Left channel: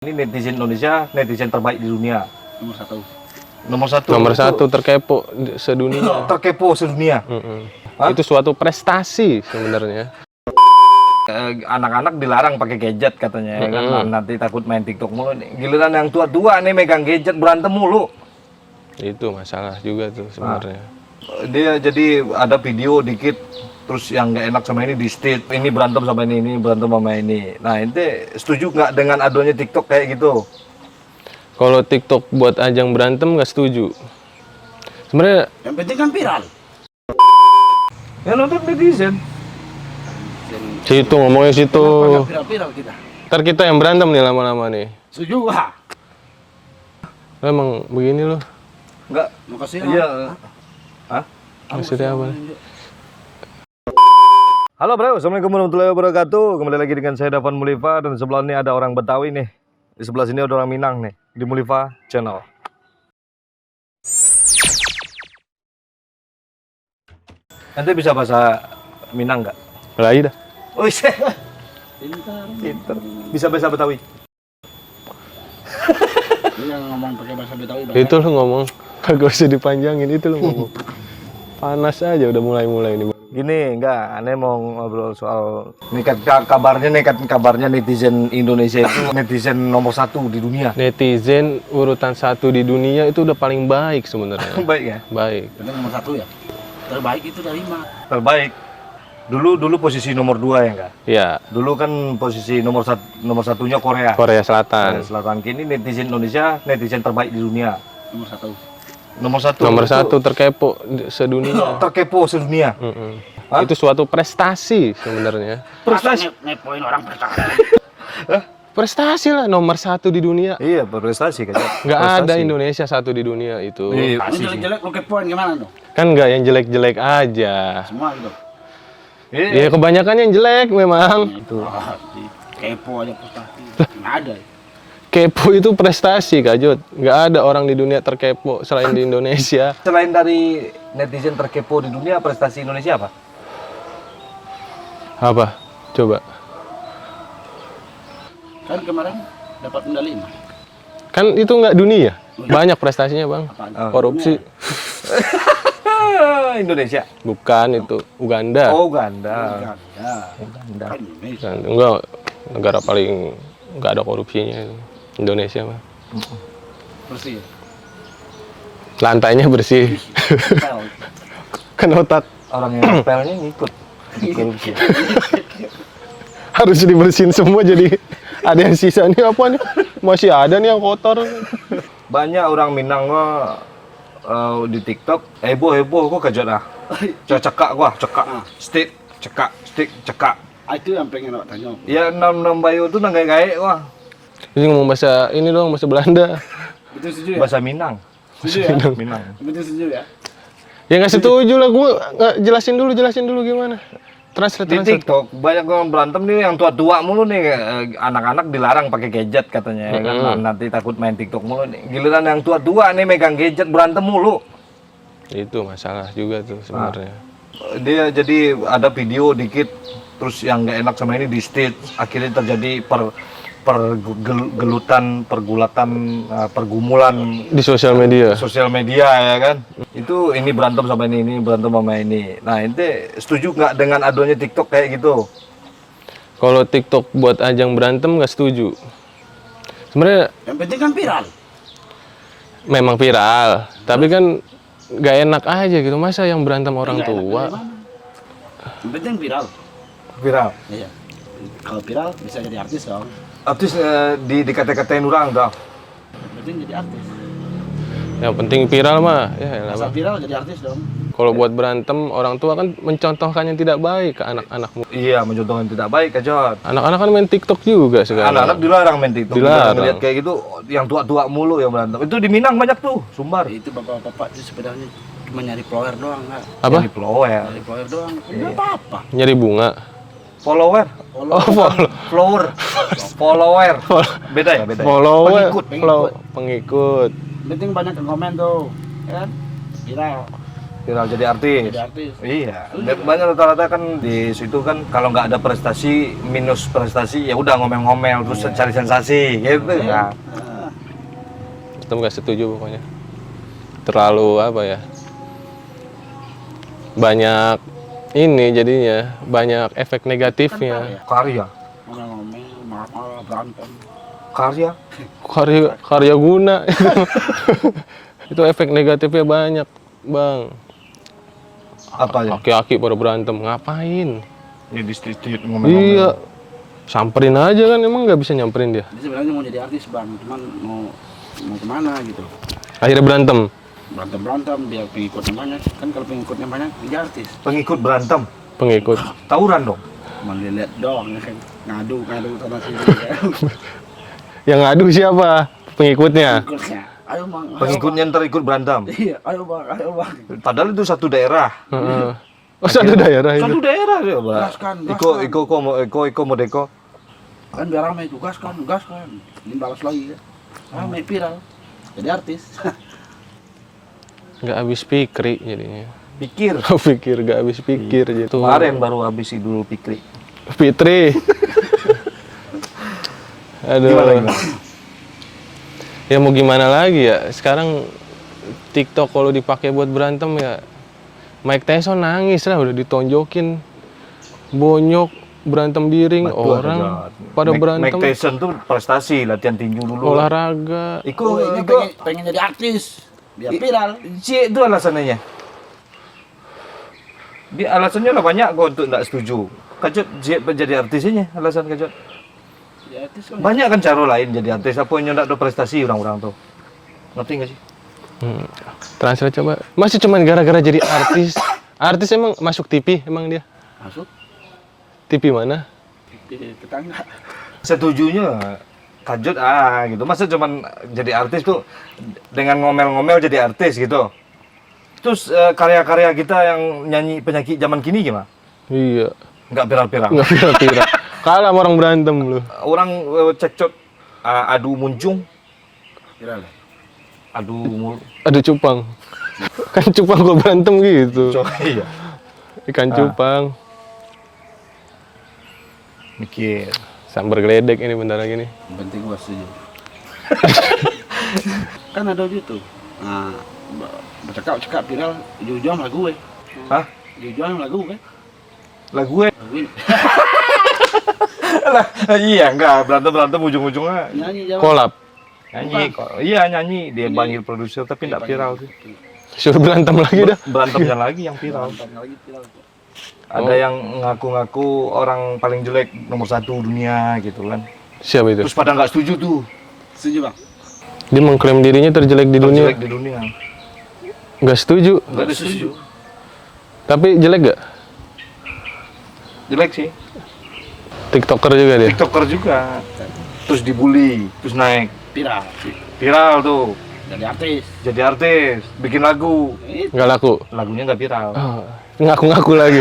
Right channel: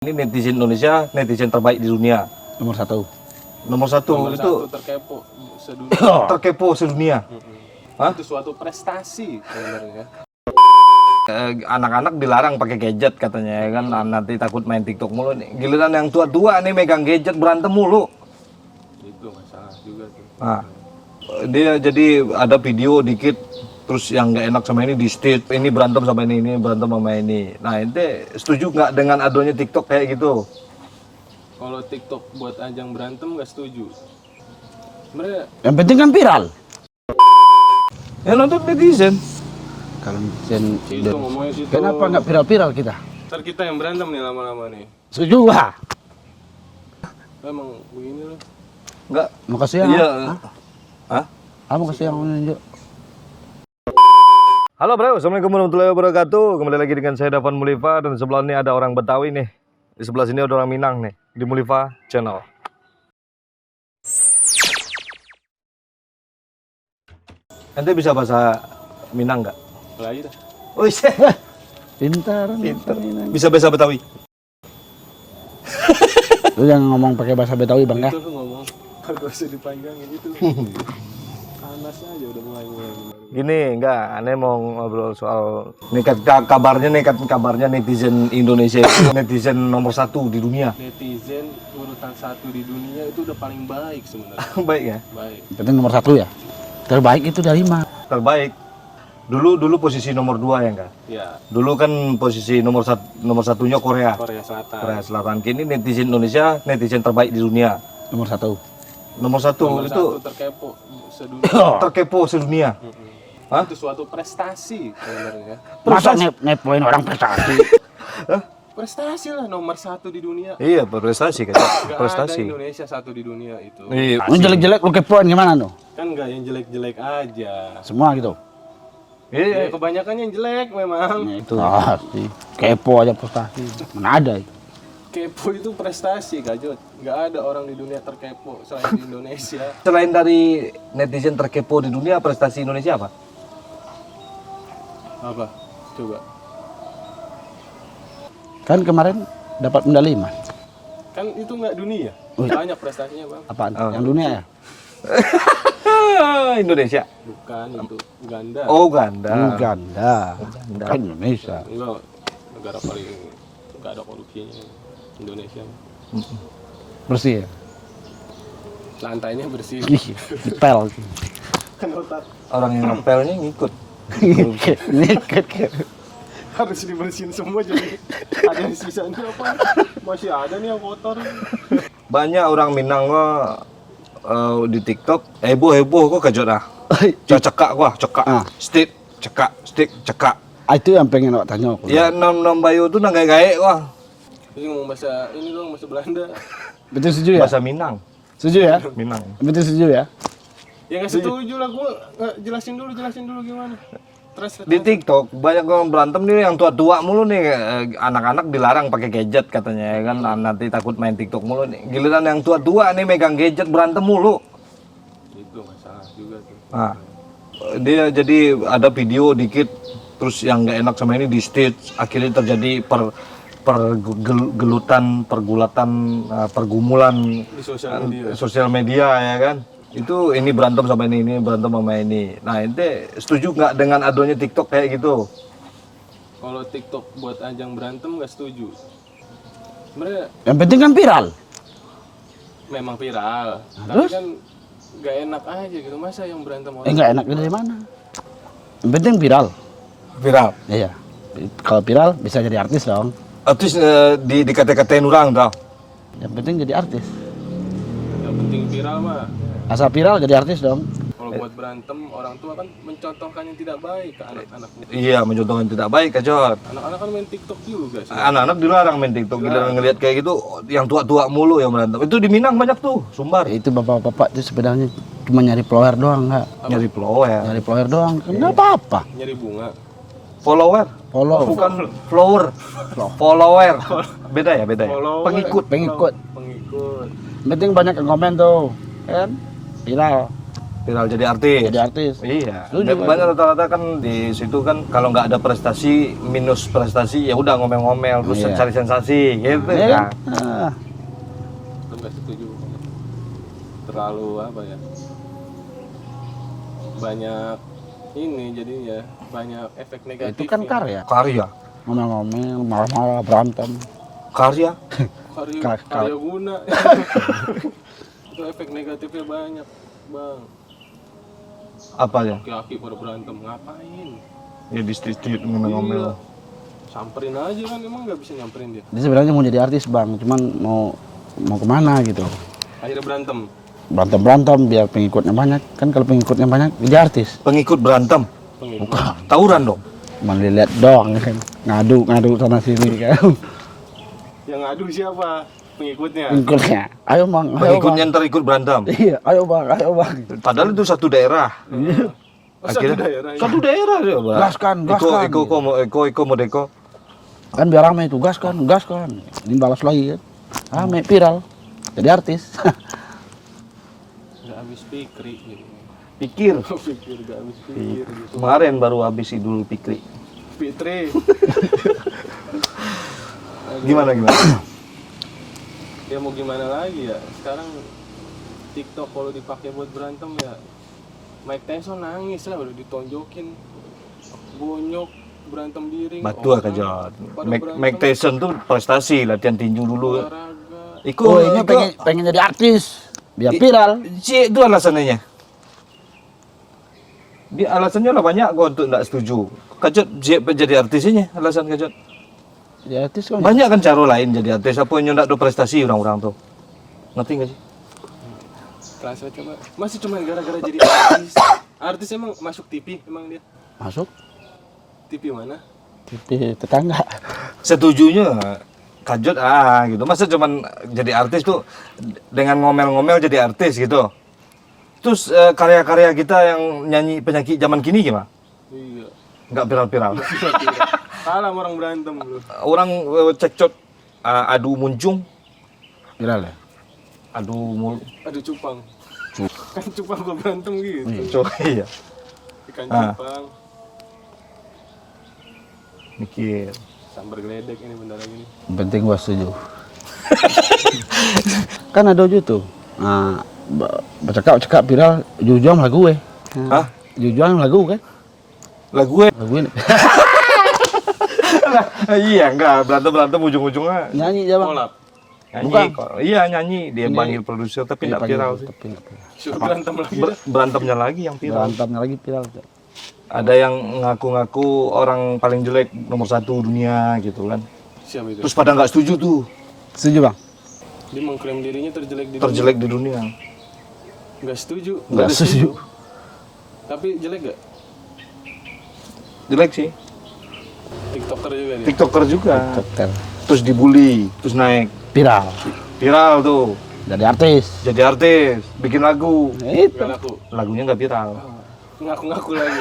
Ini netizen Indonesia, netizen terbaik di dunia. Nomor satu. Nomor satu. Nomor satu terkepo sedunia. Terkepo sedunia. Itu suatu prestasi sebenarnya. Anak-anak dilarang pakai gadget katanya, ya kan? Nanti takut main TikTok mulu. Giliran yang tua-tua nih megang gadget berantem mulu. Itu masalah juga tuh sebenarnya. Dia jadi ada video dikit, terus yang nggak enak sama ini di state, ini berantem sama ini berantem sama ini. Nah, ente setuju nggak dengan adanya TikTok kayak gitu? Kalau TikTok buat ajang berantem nggak setuju. Sebenarnya Yang penting kan viral. Ya nonton netizen. Kalau netizen situ ngomongnya situ. kenapa nggak viral-viral kita? Ntar kita yang berantem nih lama-lama nih. Setuju lah. Emang begini loh. Nggak. Makasih ya. Iya. Hah? Maksudnya apa? Halo bro, assalamualaikum warahmatullahi wabarakatuh. Kembali lagi dengan saya Davan Mulifa dan sebelah ini ada orang Betawi nih. Di sebelah sini ada orang Minang nih di Mulifa Channel. Ente bisa bahasa Minang nggak? Lagi dah. Oh iya, Pintar. pinter. Bisa bahasa Betawi? Lu yang ngomong pakai bahasa Betawi bang. Itu lu ngomong. Gak usah dipanjangin itu lu ngomong. Panas aja udah mulai-mulai ini. Gini, enggak, aneh mau ngobrol soal kabarnya netizen Indonesia itu netizen nomor 1 di dunia. Netizen urutan 1 di dunia itu udah paling baik sebenarnya. Baik ya? Baik. Penting nomor satu ya. Terbaik itu dari mana? Terbaik. Dulu posisi nomor 2 ya enggak? Ya, Dulu kan posisi nomor satunya Korea. Korea Selatan. Korea Selatan. Kini netizen Indonesia netizen terbaik di dunia. Nomor satu. Nomor 1. Nomor 1 terkepo sedunia. Terkepo sedunia. Hah? Itu suatu prestasi sebenarnya. Masa nepoin orang prestasi? Prestasi lah nomor 1 di dunia. Iya, prestasi kan. Nggak ada Indonesia 1 di dunia itu. Iya, Lu jelek-jelek lu kepoin gimana tuh? Kan nggak yang jelek-jelek aja. Semua gitu. iya. Ya kebanyakan yang jelek memang. Itu. Ah, kepo aja prestasi. Mana ada? Kepo itu prestasi Kak Jod. Nggak ada orang di dunia terkepo selain di Indonesia. Selain dari netizen terkepo di dunia, prestasi Indonesia apa? Apa? Coba. Kan kemarin dapat medali emas. Kan itu nggak dunia. Banyak prestasinya bang. Apaan? Korupsi. Indonesia. Bukan itu. Uganda. Oh, Uganda. Uganda. Uganda. Kan Indonesia. Enggak. Negara paling nggak ada korupsinya itu. Indonesia mah. Bersih ya? Lantainya bersih. Pel. Kan otak. Orang yang spellnya ngikut. Korupsi. Harus dibersihin semua jadi ada yang sisa nih apa nih? Masih ada nih yang kotor. Banyak orang Minang mah di TikTok heboh kok kejot ah. Cekak gua, cekak. Stick, cekak. Itu yang pengen awak tanya aku. Ya nam bayu tuh nang gaek wah. Ini ngomong bahasa ini dong, bahasa Belanda. Betul setuju ya? Bahasa Minang. Setuju ya? Minang. Betul setuju ya? Ya nggak setuju lah, gue nggak jelasin dulu gimana. Di TikTok banyak orang berantem nih yang tua-tua mulu nih, anak-anak dilarang pakai gadget katanya, ya kan? Nanti takut main TikTok mulu nih. Giliran yang tua-tua nih megang gadget berantem mulu. Itu masalah juga tuh sebenarnya. Dia jadi ada video dikit, terus yang nggak enak sama ini di state, akhirnya terjadi pergumulan Di sosial media. ya kan. Itu ini berantem sama ini berantem sama ini. Nah, ente setuju nggak dengan adanya TikTok kayak gitu? Kalau TikTok buat ajang berantem nggak setuju. Sebenarnya Yang penting kan viral. memang viral, tapi kan nggak enak aja gitu. Masa yang berantem orang Enggak enak tua? dari mana? Yang penting viral. Viral. Iya. Kalau viral bisa jadi artis dong. Terus dikata-katain orang tau. Yang penting jadi artis. Yang penting viral mah. Ya, elah. Asal viral jadi artis dong. Kalau buat berantem orang tua kan mencontohkan yang tidak baik ke anak-anakmu. Iya, mencontohkan tidak baik kacot. Anak-anak kan main TikTok juga sekarang. Anak-anak dilarang main TikTok. Kita Dilarang. ngeliat kayak gitu, yang tua-tua mulu yang berantem. Itu di Minang banyak tuh, Sumbar. Ya, itu bapak-bapak itu sebenarnya cuma nyari follower doang nggak? Apa? Jadi follower. Nyari follower doang. Enggak apa-apa. Nyari bunga. Follower. Follower. Beda ya, beda ya. Follower. Pengikut. Pengikut. Yang penting banyak yang komen tuh. Kan? Viral. Viral jadi artis. Jadi artis. Iya. Banyak rata-rata kan di situ kan kalau nggak ada prestasi minus prestasi ya udah ngomel-ngomel terus cari sensasi gitu kan. Nah, Kita nggak setuju pokoknya. Terlalu apa ya? Banyak ini jadinya banyak efek kan negatifnya. Karya. ngomel-ngomel, marah-marah, berantem. Karya. Karya guna. Itu efek negatifnya banyak, Bang. Apa ya? Aki-aki pada berantem, ngapain? Ya di street ngomel-ngomel. Iya. Samperin aja kan, emang nggak bisa nyamperin dia. Dia sebenarnya mau jadi artis bang, cuman mau kemana gitu. Akhirnya berantem. Berantem biar pengikutnya banyak. Kan kalau pengikutnya banyak, jadi artis. Pengikut berantem. Pengikut. Tawuran dong. Cuman dilihat doang kan. Ngadu sana sini kan. Yang ngadu siapa? Pengikutnya. Pengikutnya. Ayo bang. Pengikutnya ntar ikut berantem. Iya, ayo bang. Padahal itu satu daerah. Oh, satu daerah ini. Satu daerah dia, Pak. Gaskan. Iko Modeko. Kan biar ramai itu, gas kan. Ini balas lagi kan. Ramai viral. Jadi artis. Nggak habis pikir jadinya. Pikir. Pikir nggak habis pikir gitu. Kemarin baru habis Idul Fitri. Fitri. Aduh. Gimana? Ya mau gimana lagi ya? Sekarang TikTok kalau dipakai buat berantem ya Mike Tyson nangis lah udah ditonjokin. Bonyok berantem diring Betul, orang Kajat. pada berantem. Mike Tyson tuh prestasi, latihan tinju dulu. Olahraga. Ini pengen jadi artis. Biar viral. Itu alasannya. Dia alasannya lah banyak kok untuk enggak setuju. Kajot jadi artisnya alasan Kajot. Ya artis kan. Banyak kan cara lain jadi artis apa yang enggak ada prestasi orang-orang tuh. Ngerti enggak sih? Translate coba. Masih cuman gara-gara jadi artis. Artis emang masuk TV emang dia? Masuk. TV mana? TV tetangga. Setujunya Kajot gitu. Masa cuman jadi artis tuh dengan ngomel-ngomel jadi artis gitu. Terus karya-karya kita yang nyanyi penyanyi zaman kini gimana? Iya. Nggak viral-viral. Nggak viral-viral. Kalah sama orang berantem lu. Orang cekcok adu muncung, Viral ya. Aduh cupang. Kan cupang kalau berantem gitu. Iya. Ikan cupang. Mikir. Sambar geledek ini bentar lagi nih. Yang penting gua setuju. Kan ada YouTube. Nah, bercakap viral jujur lagu Hah? Jujur lagu kan? Lagu Lagu ini. iya enggak berantem ujung-ujungnya Nyanyi jawab. Kolab. nyanyi kok. Iya nyanyi dia panggil produser tapi enggak viral sih. Suruh berantem lagi dah. Berantemnya lagi yang viral. Berantemnya lagi viral. Ada yang ngaku-ngaku orang paling jelek nomor 1 dunia gitu kan. Siapa itu? Terus pada nggak setuju tuh. Setuju bang? Dia mengklaim dirinya terjelek di dunia. Terjelek di dunia. Nggak setuju. Nggak setuju. Tapi jelek gak? Jelek sih. TikToker juga dia. TikToker juga. Terus dibully, terus naik. Viral. Viral tuh. Jadi artis. Jadi artis, bikin lagu. Nggak laku. Lagunya nggak viral. Ngaku-ngaku lagi.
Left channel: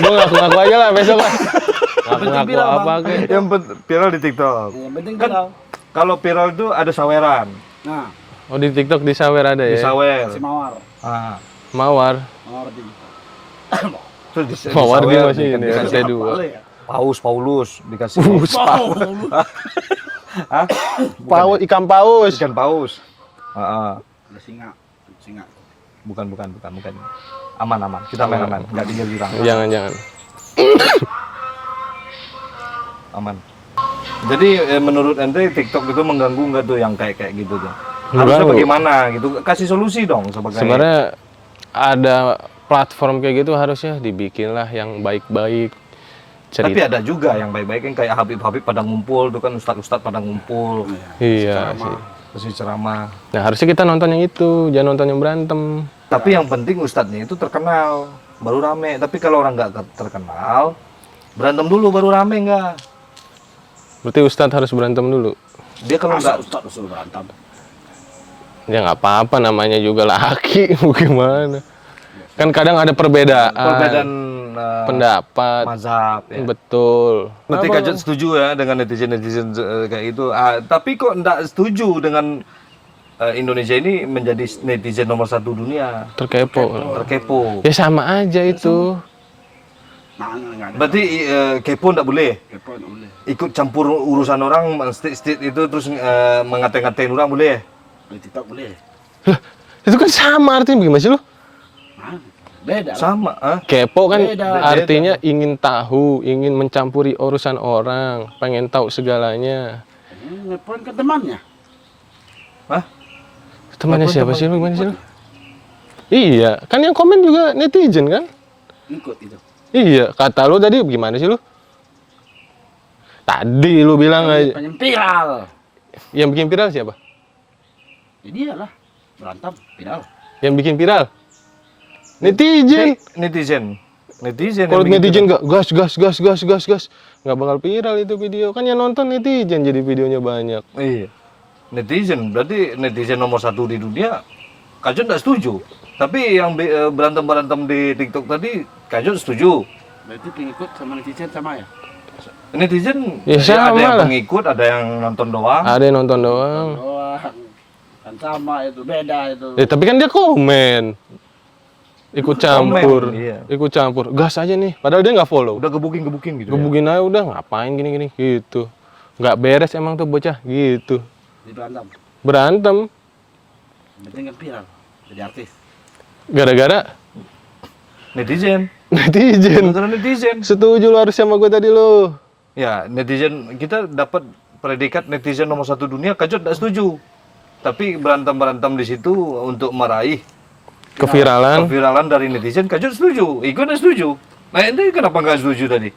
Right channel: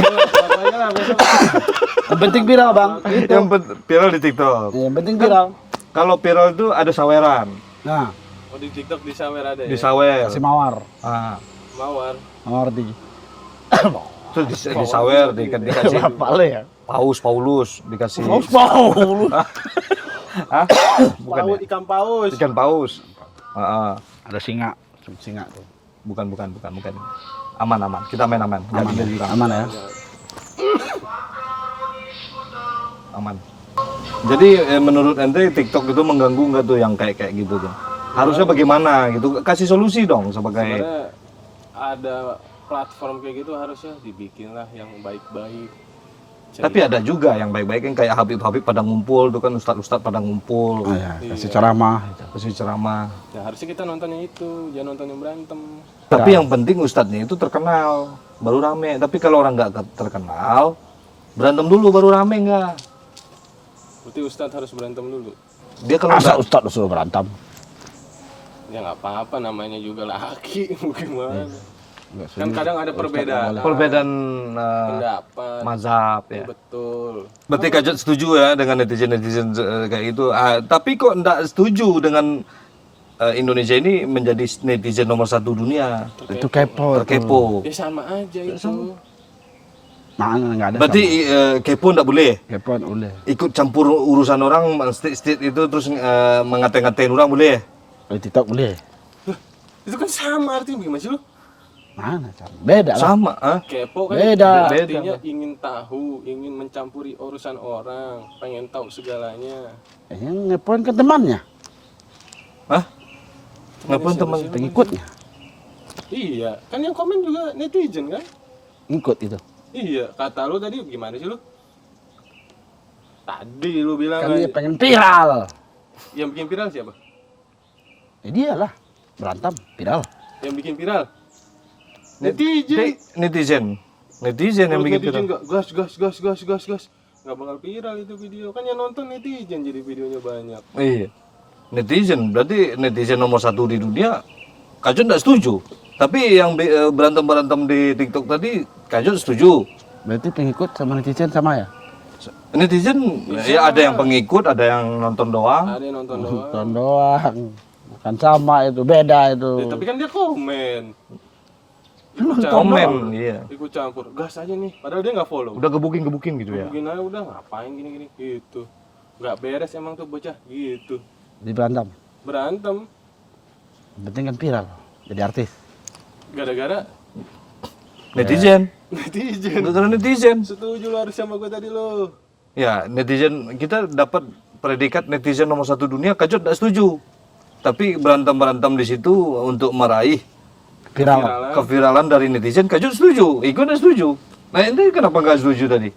Gue ngaku-ngaku aja lah besok. Yang penting viral bang. Yang viral di TikTok. Yang penting viral. Kalau viral tuh ada saweran. Nah, Oh di TikTok di sawer ada ya? Di sawer. si Mawar. Ah. Mawar. Mawar tujuh. Terus di Mawar sawer juga sih, dikasih ini. dua. ya? Paulus dikasih. Hah? Paus, ikan paus. Ikan paus. Ah, Ada singa. Singa tuh. bukan. Aman. Kita main aman. Enggak tinggal juga. Jangan. Aman. Jadi menurut ente TikTok itu mengganggu nggak tuh yang kayak gitu tuh? Harusnya Mengganggu. bagaimana gitu? Kasih solusi dong sebagai. Sebenarnya ada platform kayak gitu harusnya dibikinlah yang baik-baik. Tapi ada juga yang baik-baik yang kayak Habib pada ngumpul tuh kan ustadz pada ngumpul. Iya. Ceramah. Kasih ceramah. Nah harusnya kita nonton yang itu, jangan nonton yang berantem. Tapi yang penting ustadznya itu terkenal, baru rame. Tapi kalau orang nggak terkenal, berantem dulu baru rame nggak? Berarti Ustadz harus berantem dulu. Dia kalau Masa nggak Ustadz suruh berantem? Ya nggak apa-apa, namanya juga laki, gimana? Kan kadang ada perbedaan pendapat. mazhab ya. Betul. Berarti Kajat setuju ya dengan netizen kayak gitu. Tapi kok nggak setuju dengan Indonesia ini menjadi netizen nomor 1 dunia. Terkepo. Ya sama aja itu. Mana nggak ada. Berarti kepo nggak boleh. Kepo boleh. Ikut campur urusan orang, state itu terus ngata-ngatain orang boleh. Kalau TikTok boleh. Lah, itu kan sama artinya gimana sih lu? Mana? Beda lah. Sama, ah. Kepo kan Beda. artinya ingin tahu, ingin mencampuri urusan orang, pengen tahu segalanya. Ngepoin ke temannya. Hah? Temannya Telepon siapa teman sih lu? Ikut. Iya, kan yang komen juga netizen kan? Ikut itu. Iya, kata lu tadi gimana sih lu? Tadi lu bilang aja. Pengen viral. Yang bikin viral siapa? Ya dia lah. Berantem, viral. Yang bikin viral? Netizen. Netizen yang Kalau bikin netizen viral. nggak gas, nggak bakal viral itu video. Kan yang nonton netizen jadi videonya banyak. Iya. Netizen, berarti netizen nomor 1 di dunia. Kajot nggak setuju. Tapi yang berantem-berantem di TikTok tadi, Kajot setuju. Berarti pengikut sama netizen sama ya? Netizen Ya, ya, ada sama yang lah. pengikut, ada yang nonton doang. Ada yang nonton doang. Nonton doang. Bukan sama itu, beda itu. Ya, tapi kan dia komen. Ikut Komen, campur. iya. Ikut campur. Gas aja nih. Padahal dia nggak follow. Udah gebukin gitu ya. Gebukin aja udah ngapain gini-gini gitu. Nggak beres emang tuh bocah gitu. Di berantem. Berantem Penting kan viral. Jadi artis. gara-gara Netizen. netizen. Gara-gara netizen. Setuju lu harus sama gue tadi lu. Ya, netizen kita dapat predikat netizen nomor 1 dunia, Kajot tidak setuju. Tapi berantem di situ untuk meraih keviralan dari netizen, Kajot setuju. Iko tidak setuju. Nah, ini kenapa nggak setuju tadi?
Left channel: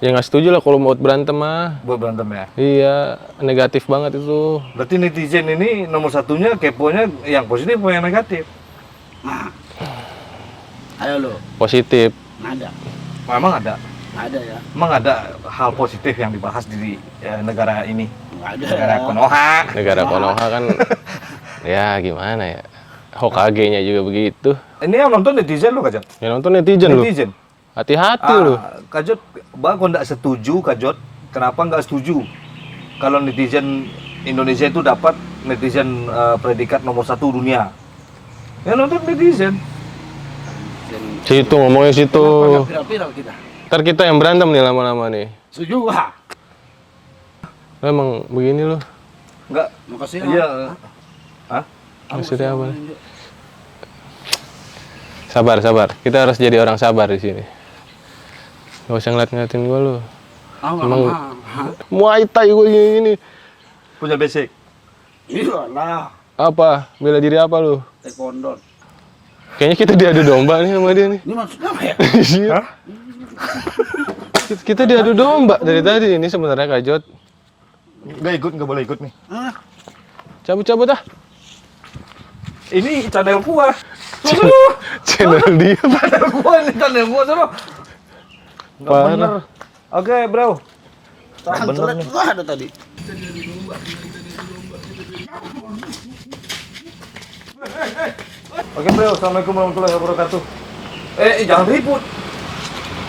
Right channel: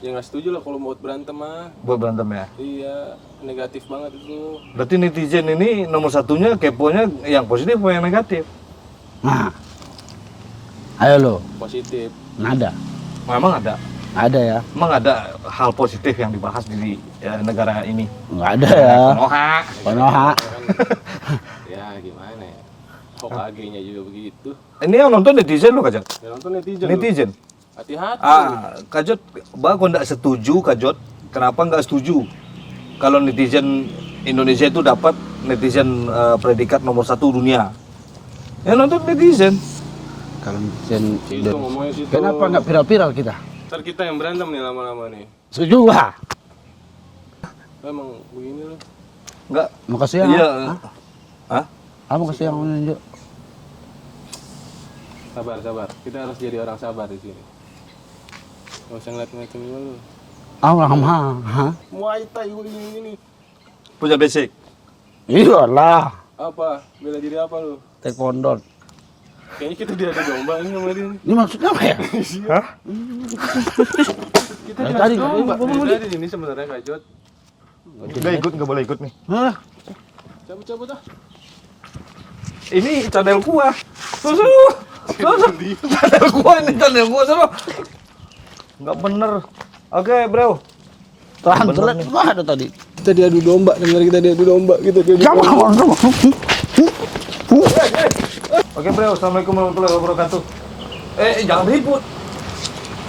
Ya nggak setuju lah kalau mau berantem mah. Buat berantem ya. Iya, negatif banget itu. Berarti netizen ini nomor 1-nya keponya yang positif atau yang negatif? Nah. Ayo lo. Positif. Nggak ada. Memang ada. Nggak ada ya. Memang ada hal positif yang dibahas di negara ini. Nggak ada Negara ya. Konoha. Negara Konoha. Konoha kan ya gimana ya. Hokage-nya juga begitu. Ini yang nonton netizen lo, Kajot? Yang nonton netizen lu. Netizen. Hati-hati lu. Kajot, kok nggak setuju, Kajot? Kenapa nggak setuju? Kalau netizen Indonesia itu dapat netizen predikat nomor 1 dunia. Ya nonton netizen. Kalau netizen. Situ ngomongnya situ. Kenapa nggak viral-viral kita? Ntar kita yang berantem nih lama-lama nih. Setuju lah. Emang begini lu. Nggak. Makasih ya. Iya. Hah? Maksudnya apa? Lanjut. Sabar. Kita harus jadi orang sabar di sini. Gak usah ngeliat-ngeliatin gue lu. Muay Thai gue gini. Punya basic. Iyalah. Apa? Bela diri apa lu? Taekwondo. Kayaknya kita diadu domba nih sama dia nih. Ini maksudnya apa ya? Hah? Kita diadu domba dari tadi. Ini sebenarnya Kajot. Nggak boleh ikut nih. Hah? Cabut-cabut ah. Ini channel gua. Channel dia. Channel gua sama. Nggak Parah. bener. Oke, bro. Tahan, Bener curhat. nih. Wah, ada tadi. Kita diadu domba. Dengar kita diadu domba. Kita diadu domba. Oke, bro. Assalamualaikum warahmatullahi wabarakatuh. Jangan ribut.